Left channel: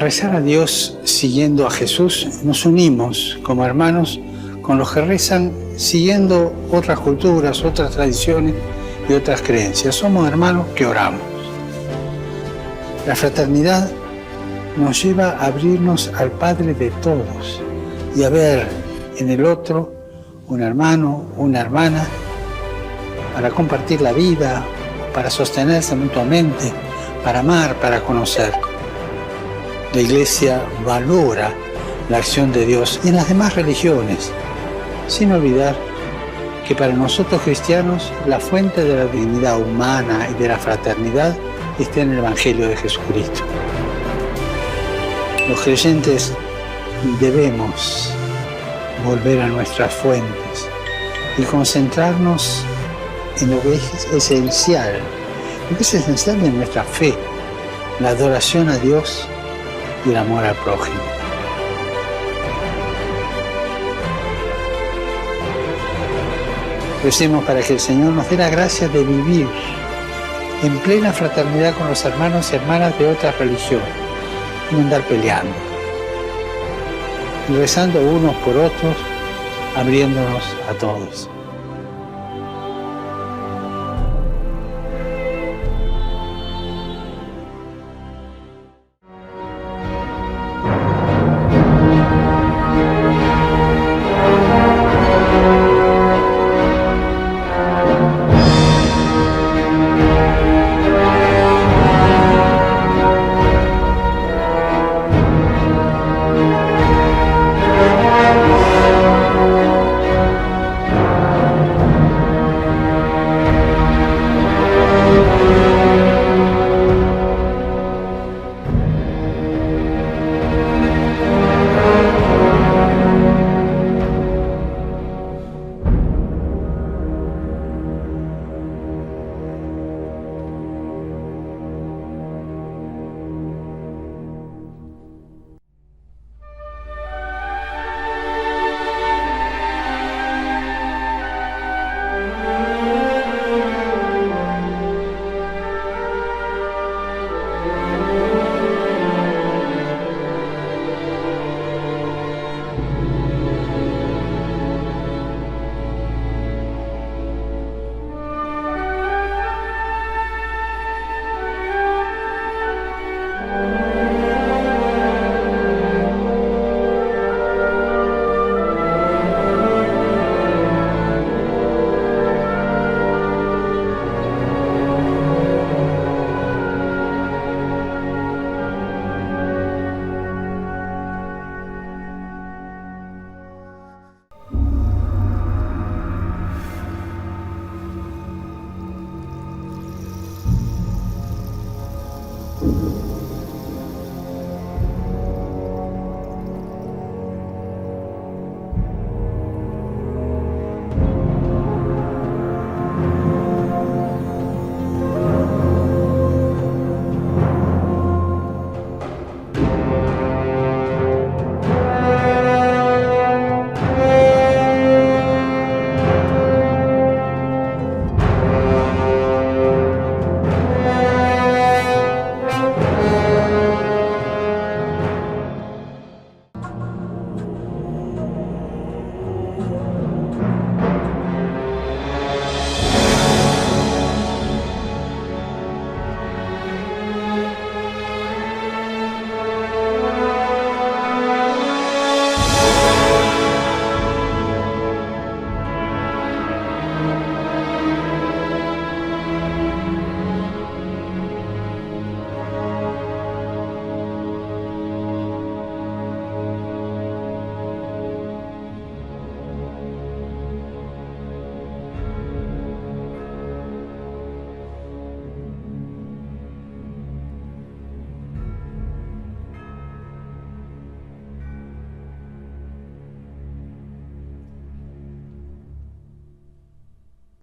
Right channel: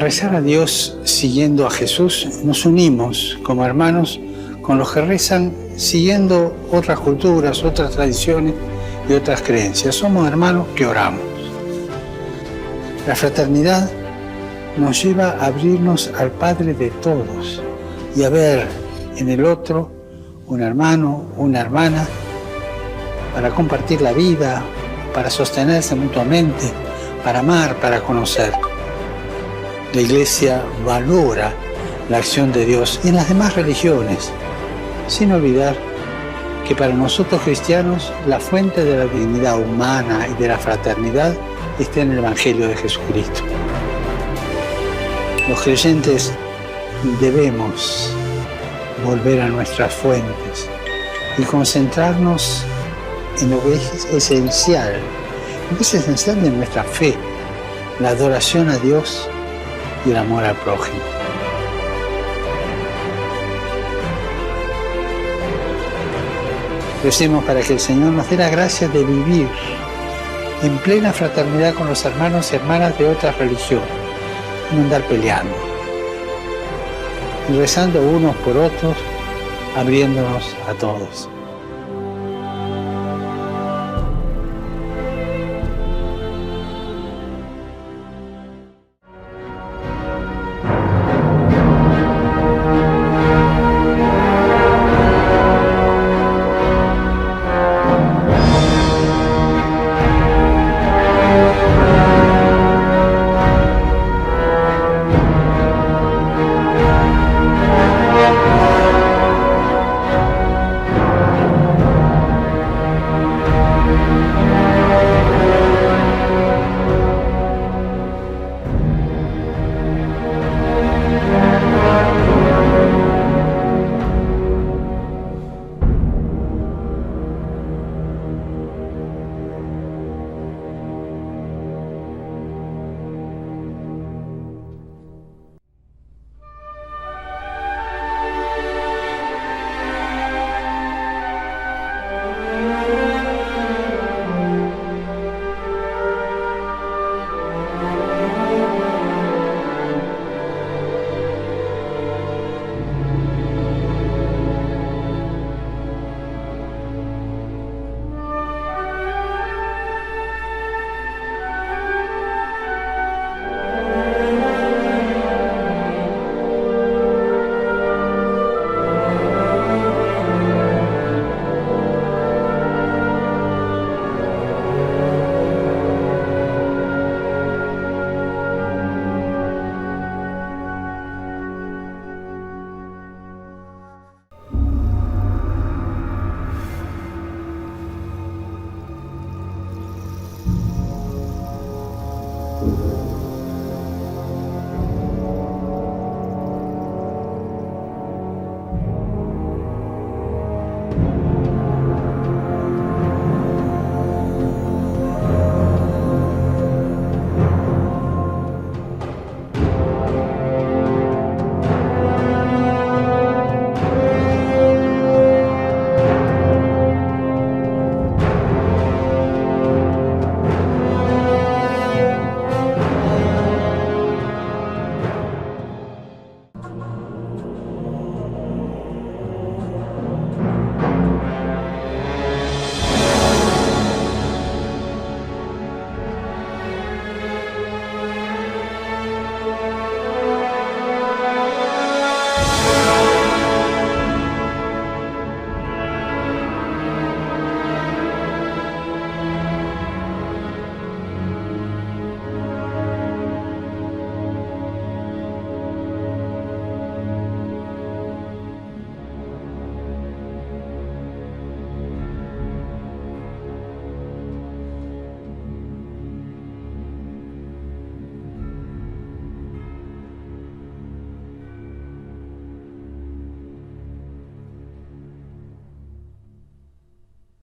Al rezar a Dios siguiendo a Jesús, nos unimos como hermanos con los que rezan siguiendo otras culturas, otras tradiciones y otras creencias. Somos hermanos que oramos. La fraternidad nos lleva a abrirnos al Padre de todos y a ver en el otro un hermano, una hermana, para compartir la vida, para sostenerse mutuamente, para amar, para conocer. La Iglesia valora la acción de Dios y en las demás religiones, sin olvidar que para nosotros cristianos la fuente de la dignidad humana y de la fraternidad está en el Evangelio de Jesucristo. Los creyentes debemos volver a nuestras fuentes y concentrarnos en lo que es esencial, de nuestra fe, la adoración a Dios y el amor al prójimo. Recemos para que el Señor nos dé la gracia de vivir en plena fraternidad con los hermanos y hermanas de otras religiones, y no andar peleando, y rezando unos por otros, abriéndonos a todos.